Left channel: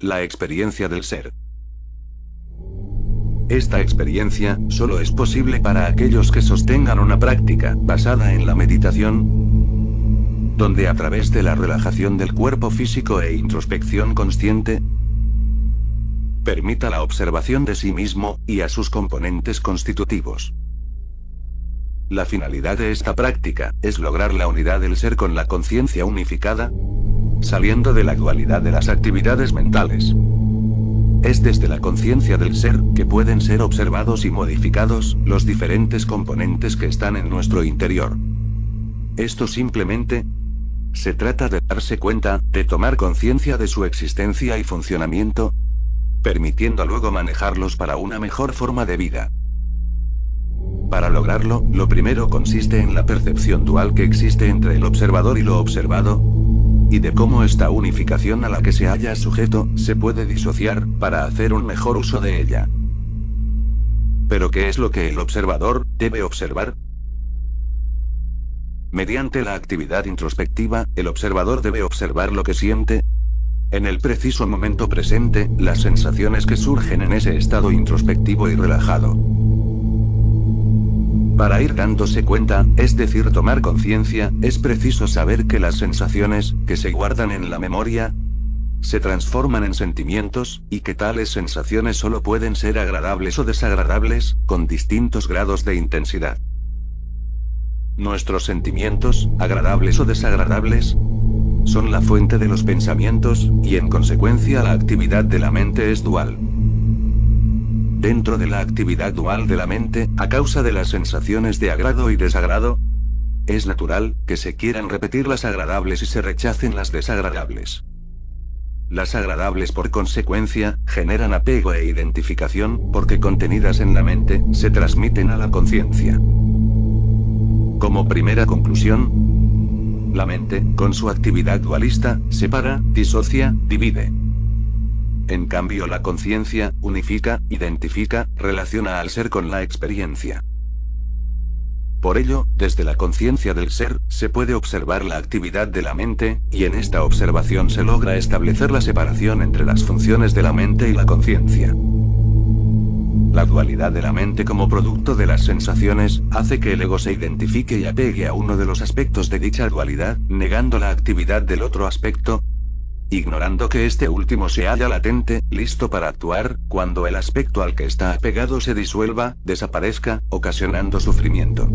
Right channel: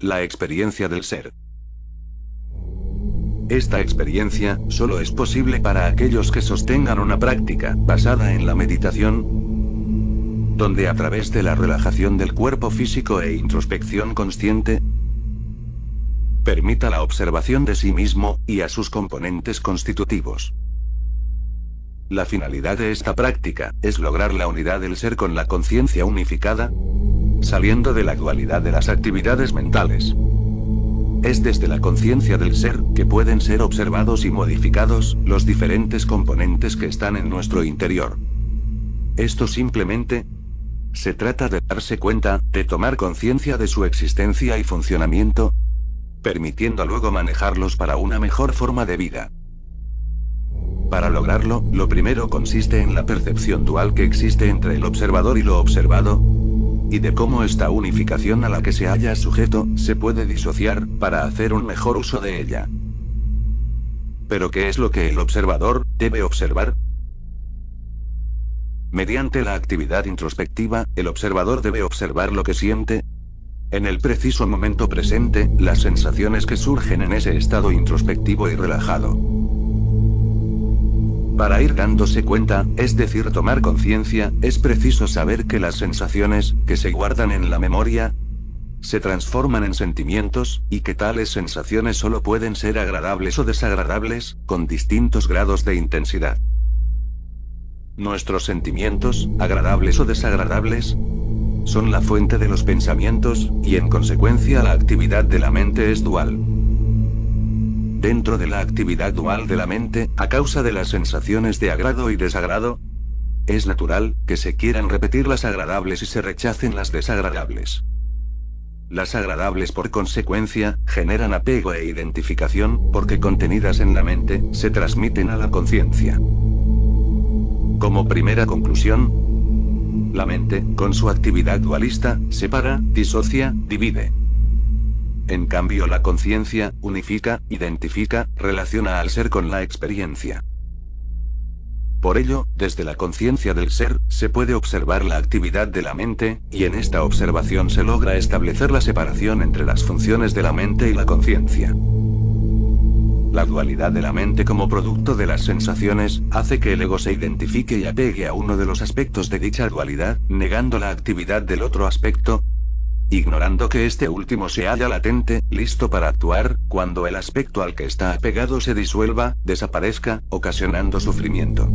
La experiencia del ser. Esta experiencia solo es posible para aquellos que sostengan una práctica basada en la meditación, donde a través de la relajación del cuerpo físico e introspección consciente, permita la observación de sí mismo y a sus componentes constitutivos. La finalidad de esta práctica es lograr la unidad del ser con la conciencia unificada, saliendo de la dualidad de las actividades mentales. Es desde la conciencia del ser que pueden ser observados y modificados los diferentes componentes que están en nuestro interior. Esto simplemente se trata de darse cuenta, de tomar conciencia de su existencia y funcionamiento, permitiendo luego manejarlos para una mejor forma de vida. Para lograrlo, lo primero consiste en la percepción dual que existe entre el observador y lo observado, y de cómo esta unificación a la que se halla sujeto, se puede disociar, para hacer un mejor uso de ella. ¿Pero qué es lo que el observador debe observar? Mediante la actividad introspectiva, el observador debe observar lo que siente, en el preciso momento presente, las sensaciones que surgen en ese estado introspectivo y relajado. Para ir dándose cuenta, es decir, tomar conciencia, es preciso saber que las sensaciones, que se guardan en la memoria, se transforman en sentimientos, y que tales sensaciones solo pueden ser agradables o desagradables, con distintos grados de intensidad. Nuestros sentimientos, agradables o desagradables, son la fuente de los pensamientos, y en consecuencia la actividad de la mente es dual. Dentro de la actividad dual de la mente, a causa de las sensaciones de agrado y desagrado, es natural que se quieran repetir las agradables y se rechacen las desagradables. Las agradables, por consecuencia, generan apego e identificación, porque contenidas en la mente, se transmiten a la conciencia. Como primera conclusión, la mente, con su actividad dualista, separa, disocia, divide. En cambio, la conciencia unifica, identifica, relaciona al ser con la experiencia. Por ello, desde la conciencia del ser, se puede observar la actividad de la mente, y en esta observación se logra establecer la separación entre las funciones de la mente y la conciencia. La dualidad de la mente como producto de las sensaciones, hace que el ego se identifique y apegue a uno de los aspectos de dicha dualidad, negando la actividad del otro aspecto, ignorando que este último se halla latente, listo para actuar, cuando el aspecto al que está apegado se disuelva, desaparezca, ocasionando sufrimiento.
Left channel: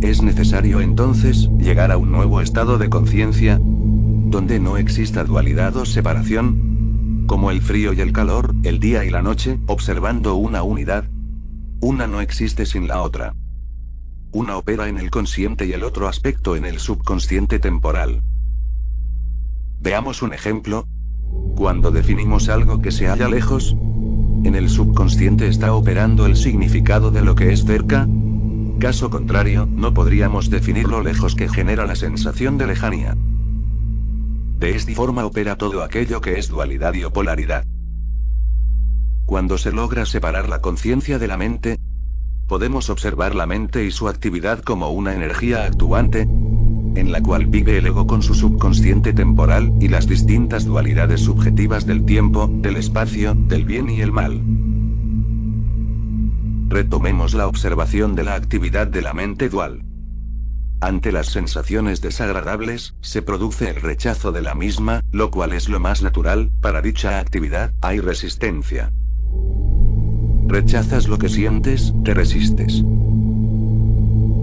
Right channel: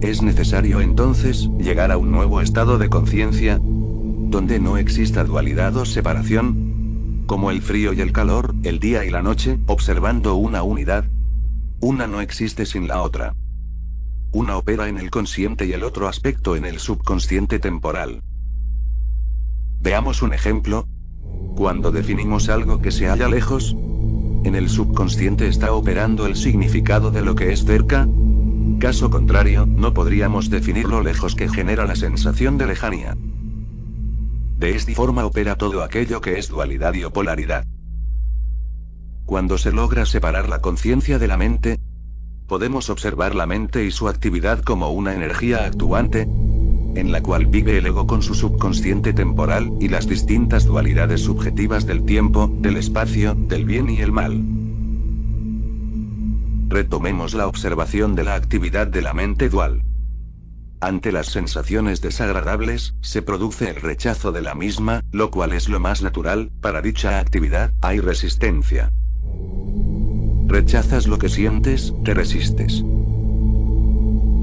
Es necesario entonces, llegar a un nuevo estado de conciencia, donde no exista dualidad o separación, como el frío y el calor, el día y la noche, observando una unidad. Una no existe sin la otra. Una opera en el consciente y el otro aspecto en el subconsciente temporal. Veamos un ejemplo. Cuando definimos algo que se halla lejos, en el subconsciente está operando el significado de lo que es cerca. Caso contrario, no podríamos definir lo lejos que genera la sensación de lejanía. De esta forma opera todo aquello que es dualidad y o polaridad. Cuando se logra separar la conciencia de la mente, podemos observar la mente y su actividad como una energía actuante, en la cual vive el ego con su subconsciente temporal, y las distintas dualidades subjetivas del tiempo, del espacio, del bien y el mal. Retomemos la observación de la actividad de la mente dual. Ante las sensaciones desagradables, se produce el rechazo de la misma, lo cual es lo más natural, para dicha actividad, hay resistencia. Rechazas lo que sientes, te resistes.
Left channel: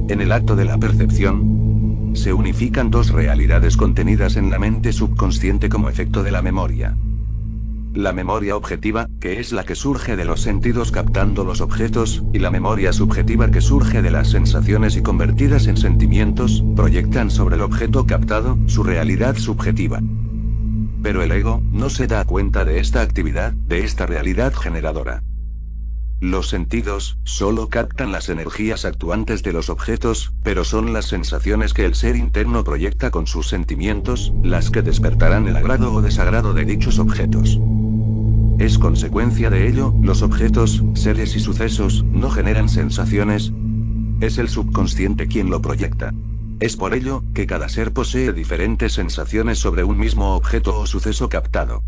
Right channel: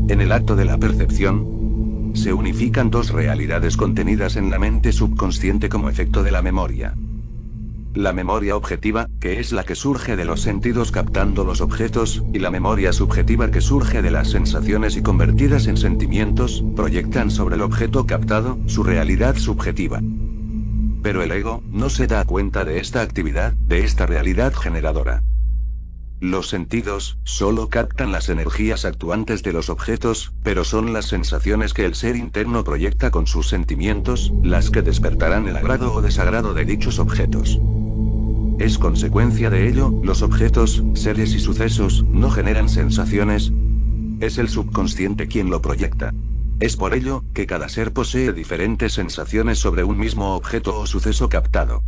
En el acto de la percepción, se unifican dos realidades contenidas en la mente subconsciente como efecto de la memoria. La memoria objetiva, que es la que surge de los sentidos captando los objetos, y la memoria subjetiva que surge de las sensaciones y convertidas en sentimientos, proyectan sobre el objeto captado, su realidad subjetiva. Pero el ego, no se da cuenta de esta actividad, de esta realidad generadora. Los sentidos, solo captan las energías actuantes de los objetos, pero son las sensaciones que el ser interno proyecta con sus sentimientos, las que despertarán el agrado o desagrado de dichos objetos. Es consecuencia de ello, los objetos, seres y sucesos, no generan sensaciones. Es el subconsciente quien lo proyecta. Es por ello, que cada ser posee diferentes sensaciones sobre un mismo objeto o suceso captado.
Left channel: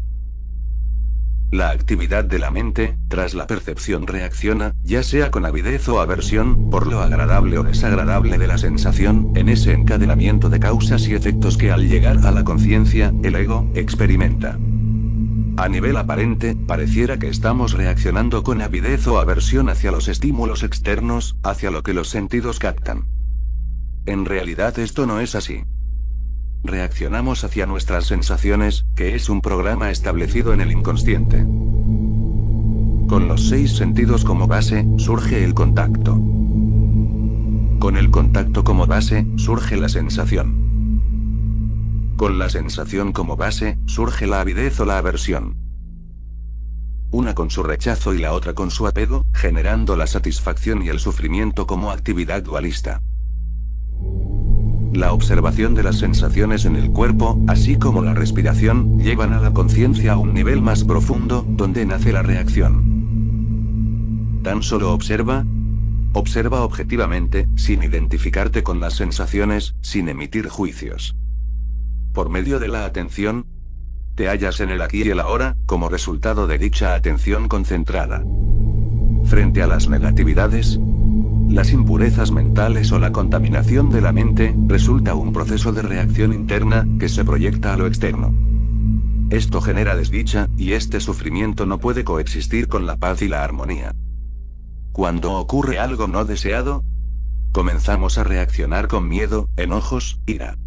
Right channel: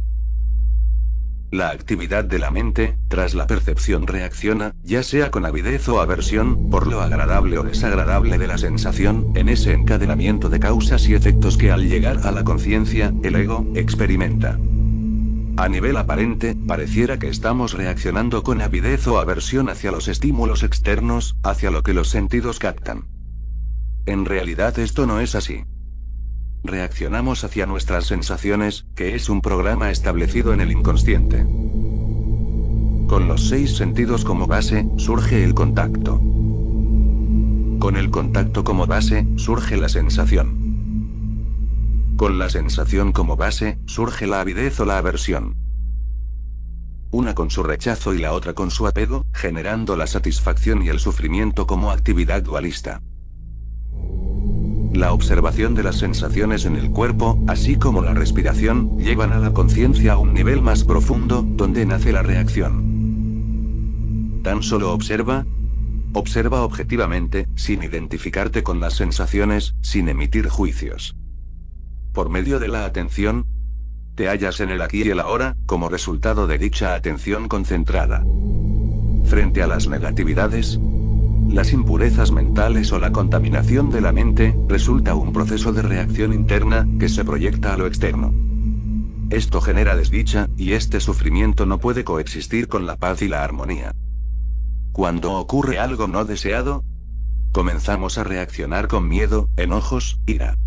La actividad de la mente, tras la percepción reacciona, ya sea con avidez o aversión, por lo agradable o desagradable de la sensación, en ese encadenamiento de causas y efectos que al llegar a la conciencia, el ego, experimenta. A nivel aparente, pareciera que estamos reaccionando con avidez o aversión hacia los estímulos externos, hacia lo que los sentidos captan. En realidad esto no es así. Reaccionamos hacia nuestras sensaciones, que es un programa establecido en el inconsciente. Con los 6 sentidos como base, surge el contacto. Con el contacto como base, surge la sensación. Con la sensación como base, surge la avidez o la aversión. Una con su rechazo y la otra con su apego, generando la satisfacción y el sufrimiento como actividad dualista. La observación de las sensaciones en el cuerpo, así como la respiración, llevan a la conciencia a un nivel más profundo, donde nace la reacción. Tan solo observa. Observa objetivamente, sin identificarte con las sensaciones, sin emitir juicios. Por medio de la atención, te hallas en el aquí y el ahora, como resultado de dicha atención concentrada. Frente a las negatividades, las impurezas mentales o la contaminación de la mente, resulta un proceso de reacción interna, que se proyecta a lo externo. Esto genera desdicha, y este sufrimiento no puede coexistir con la paz y la armonía. Cuando ocurre algo no deseado, comenzamos a reaccionar con miedo, enojos, ira.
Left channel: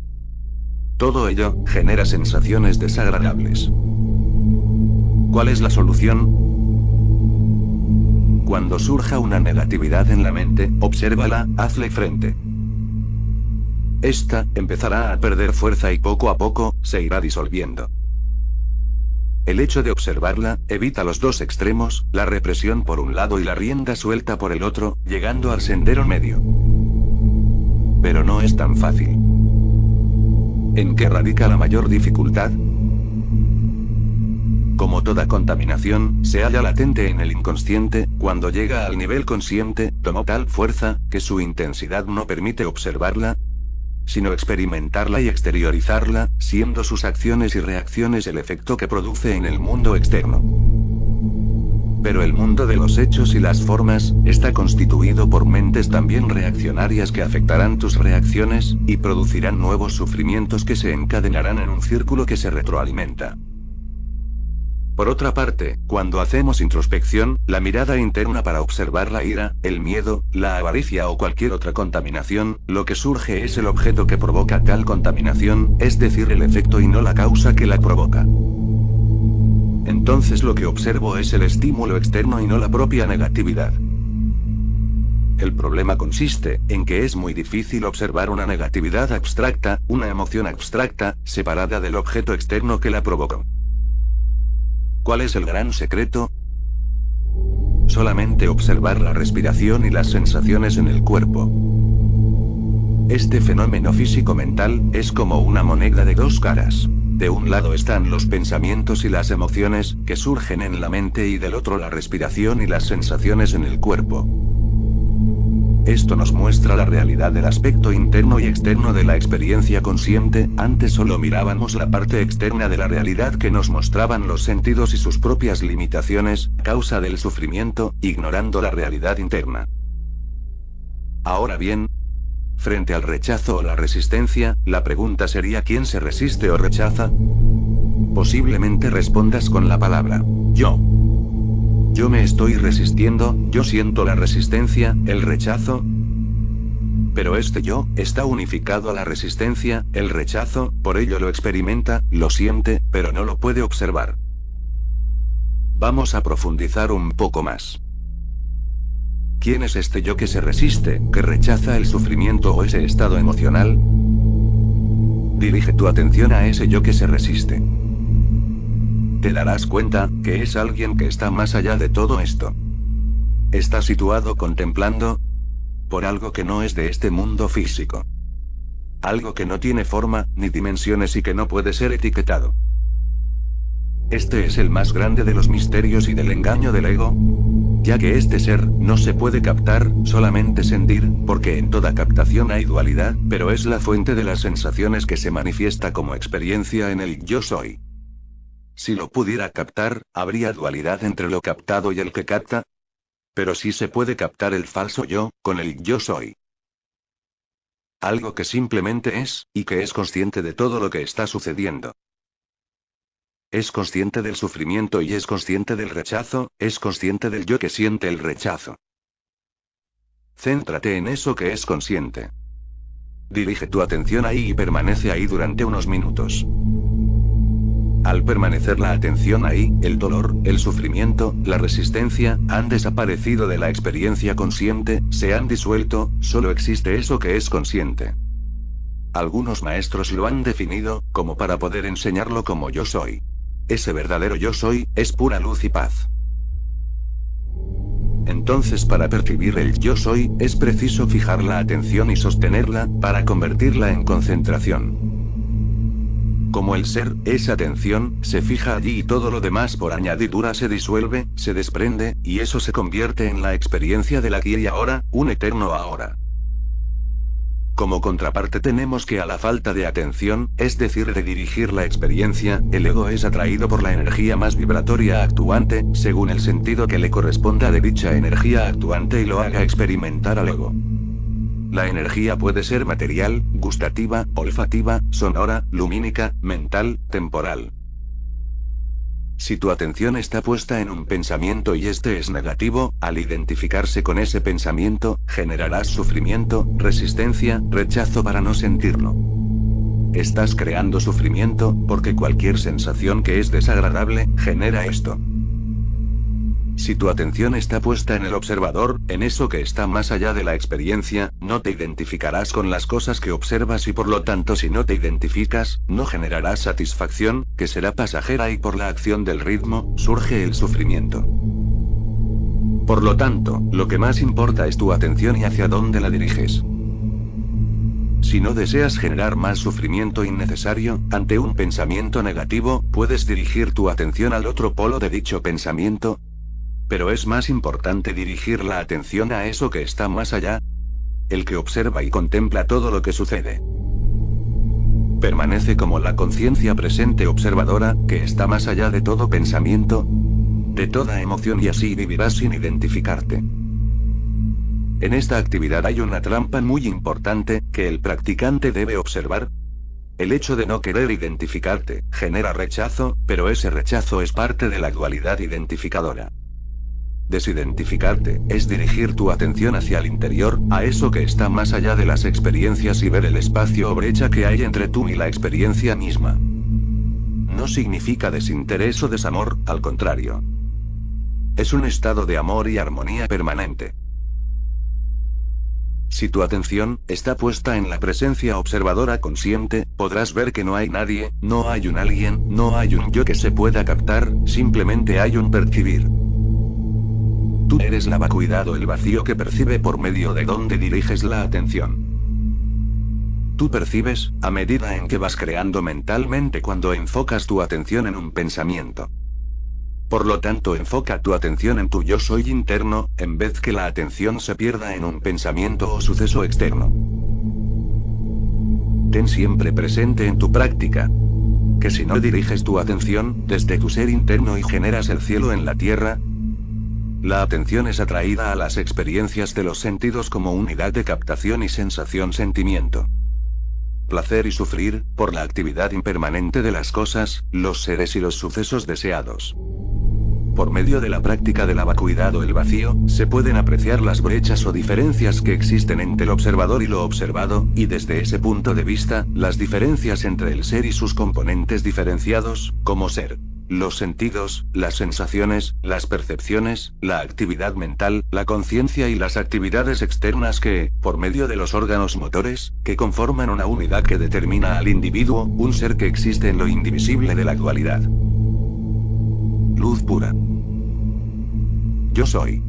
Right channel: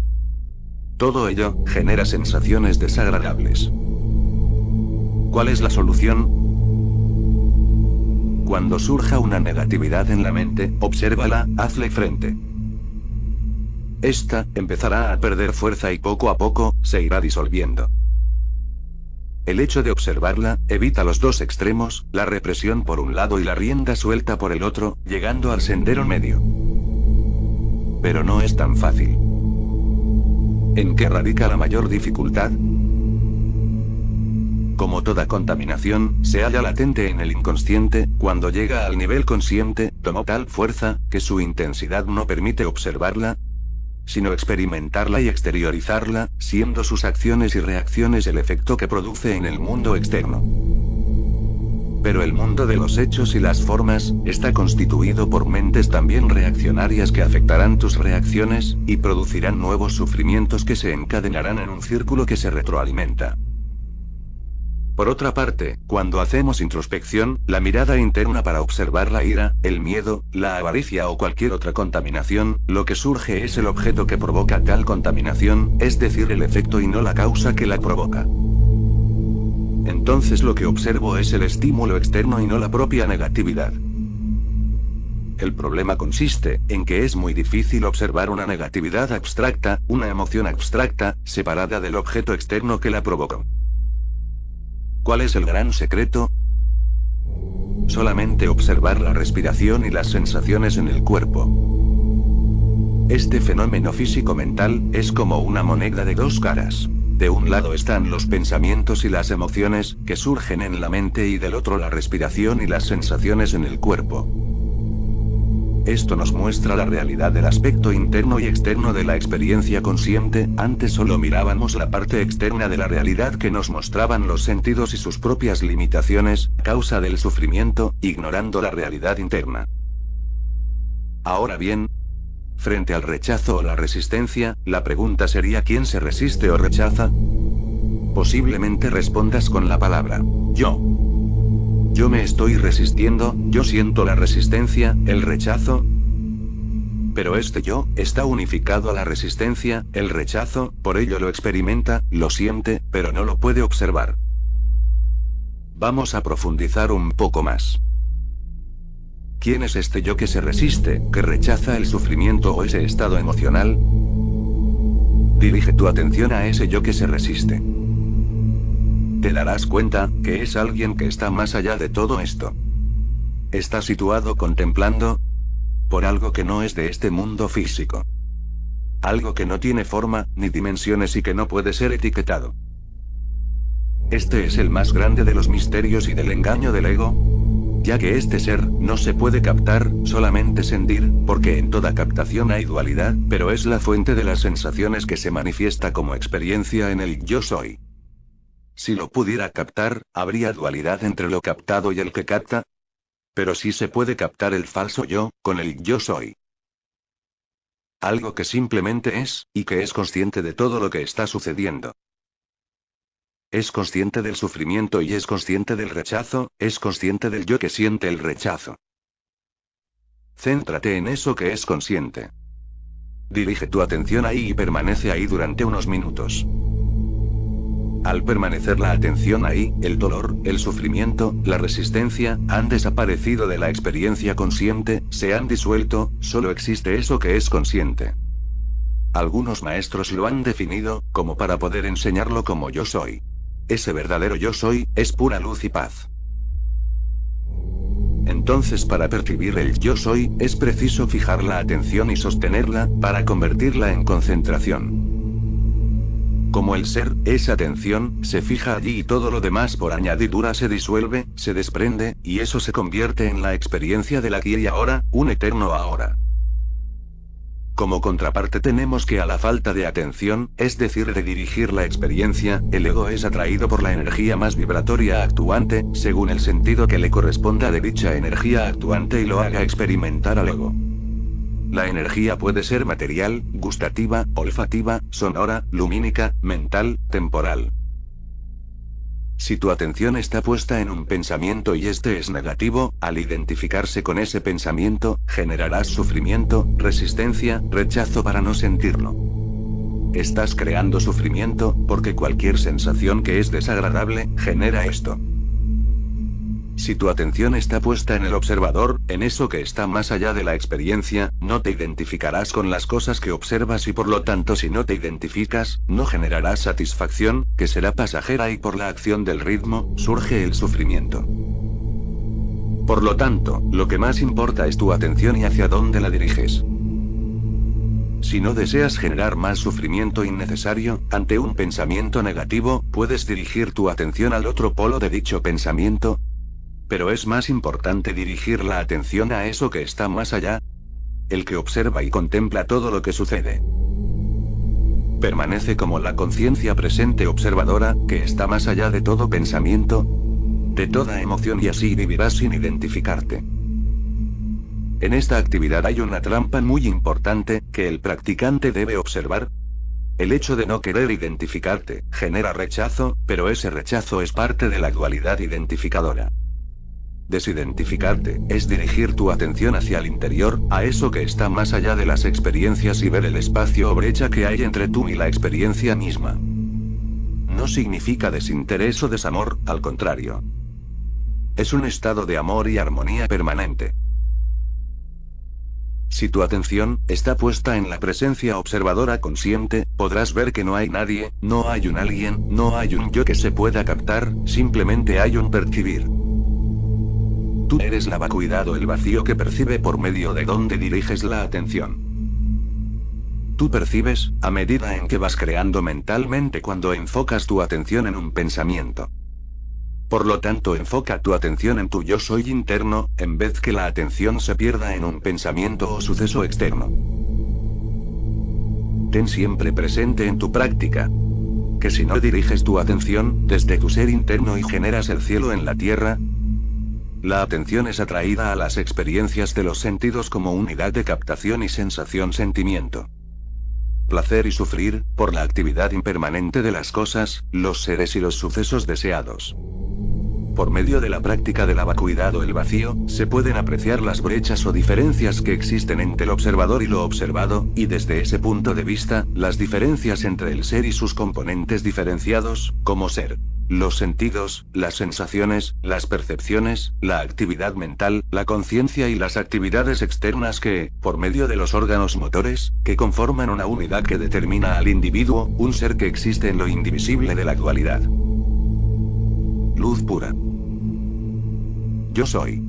Todo ello genera sensaciones desagradables. ¿Cuál es la solución? Cuando surja una negatividad en la mente, obsérvala, hazle frente. Esta empezará a perder fuerza y poco a poco se irá disolviendo. El hecho de observarla evita los dos extremos, la represión por un lado y la rienda suelta por el otro, llegando al sendero medio. Pero no es tan fácil. ¿En qué radica la mayor dificultad? Como toda contaminación, se halla latente en el inconsciente, cuando llega al nivel consciente, tomó tal fuerza, que su intensidad no permite observarla, sino experimentarla y exteriorizarla, siendo sus acciones y reacciones el efecto que produce en el mundo externo. Pero el mundo de los hechos y las formas, está constituido por mentes también reaccionarias que afectarán tus reacciones, y producirán nuevos sufrimientos que se encadenarán en un círculo que se retroalimenta. Por otra parte, cuando hacemos introspección, la mirada interna para observar la ira, el miedo, la avaricia o cualquier otra contaminación, lo que surge es el objeto que provoca tal contaminación, es decir, el efecto y no la causa que la provoca. Entonces lo que observo es el estímulo externo y no la propia negatividad. El problema consiste en que es muy difícil observar una negatividad abstracta, una emoción abstracta, separada del objeto externo que la provocó. ¿Cuál es el gran secreto? Solamente observar la respiración y las sensaciones en el cuerpo. Este fenómeno físico-mental es como una moneda de dos caras. De un lado están los pensamientos y las emociones, que surgen en la mente, y del otro la respiración y las sensaciones en el cuerpo. Esto nos muestra la realidad del aspecto interno y externo de la experiencia consciente. Antes solo mirábamos la parte externa de la realidad que nos mostraban los sentidos y sus propias limitaciones, causa del sufrimiento, ignorando la realidad interna. Ahora bien, frente al rechazo o la resistencia, la pregunta sería ¿quién se resiste o rechaza? Posiblemente respondas con la palabra yo. Yo me estoy resistiendo, yo siento la resistencia, el rechazo. Pero este yo, está unificado a la resistencia, el rechazo, por ello lo experimenta, lo siente, pero no lo puede observar. Vamos a profundizar un poco más. ¿Quién es este yo que se resiste, que rechaza el sufrimiento o ese estado emocional? Dirige tu atención a ese yo que se resiste. Te darás cuenta que es alguien que está más allá de todo esto. Está situado contemplando por algo que no es de este mundo físico. Algo que no tiene forma, ni dimensiones y que no puede ser etiquetado. Este es el más grande de los misterios y del engaño del ego, ya que este ser no se puede captar, solamente sentir, porque en toda captación hay dualidad, pero es la fuente de las sensaciones que se manifiesta como experiencia en el yo soy. Si lo pudiera captar, habría dualidad entre lo captado y el que capta. Pero sí se puede captar el falso yo, con el yo soy. Algo que simplemente es, y que es consciente de todo lo que está sucediendo. Es consciente del sufrimiento y es consciente del rechazo, es consciente del yo que siente el rechazo. Céntrate en eso que es consciente. Dirige tu atención ahí y permanece ahí durante unos minutos. Al permanecer la atención ahí, el dolor, el sufrimiento, la resistencia, han desaparecido de la experiencia consciente, se han disuelto, solo existe eso que es consciente. Algunos maestros lo han definido, como para poder enseñarlo como yo soy. Ese verdadero yo soy, es pura luz y paz. Entonces para percibir el yo soy, es preciso fijar la atención y sostenerla, para convertirla en concentración. Como el ser, esa atención, se fija allí y todo lo demás por añadidura se disuelve, se desprende, y eso se convierte en la experiencia del aquí y ahora, un eterno ahora. Como contraparte tenemos que a la falta de atención, es decir de dirigir la experiencia, el ego es atraído por la energía más vibratoria actuante, según el sentido que le corresponda de dicha energía actuante y lo haga experimentar al ego. La energía puede ser material, gustativa, olfativa, sonora, lumínica, mental, temporal. Si tu atención está puesta en un pensamiento y este es negativo, al identificarse con ese pensamiento, generarás sufrimiento, resistencia, rechazo para no sentirlo. Estás creando sufrimiento, porque cualquier sensación que es desagradable, genera esto. Si tu atención está puesta en el observador, en eso que está más allá de la experiencia, no te identificarás con las cosas que observas y por lo tanto si no te identificas, no generarás satisfacción, que será pasajera y por la acción del ritmo, surge el sufrimiento. Por lo tanto, lo que más importa es tu atención y hacia dónde la diriges. Si no deseas generar más sufrimiento innecesario, ante un pensamiento negativo, puedes dirigir tu atención al otro polo de dicho pensamiento. Pero es más importante dirigir la atención a eso que está más allá, el que observa y contempla todo lo que sucede. Permanece como la conciencia presente observadora, que está más allá de todo pensamiento, de toda emoción y así vivirás sin identificarte. En esta actividad hay una trampa muy importante, que el practicante debe observar. El hecho de no querer identificarte, genera rechazo, pero ese rechazo es parte de la dualidad identificadora. Desidentificarte, es dirigir tu atención hacia el interior, a eso que está más allá de las experiencias y ver el espacio o brecha que hay entre tú y la experiencia misma. No significa desinterés o desamor, al contrario. Es un estado de amor y armonía permanente. Si tu atención está puesta en la presencia observadora consciente, podrás ver que no hay nadie, no hay un alguien, no hay un yo que se pueda captar, simplemente hay un percibir. Tú eres la vacuidad o el vacío que percibe por medio de donde diriges la atención. Tú percibes, a medida en que vas creando mentalmente cuando enfocas tu atención en un pensamiento. Por lo tanto, enfoca tu atención en tu yo soy interno, en vez que la atención se pierda en un pensamiento o suceso externo. Ten siempre presente en tu práctica que si no diriges tu atención desde tu ser interno y generas el cielo en la tierra, la atención es atraída a las experiencias de los sentidos como unidad de captación y sensación-sentimiento. Placer y sufrir, por la actividad impermanente de las cosas, los seres y los sucesos deseados. Por medio de la práctica de la vacuidad o el vacío, se pueden apreciar las brechas o diferencias que existen entre el observador y lo observado, y desde ese punto de vista, las diferencias entre el ser y sus componentes diferenciados, como ser. Los sentidos, las sensaciones, las percepciones, la actividad mental, la conciencia y las actividades externas que, por medio de los órganos motores, que conforman una unidad que determina al individuo, un ser que existe en lo indivisible de la dualidad. Luz pura. Yo soy.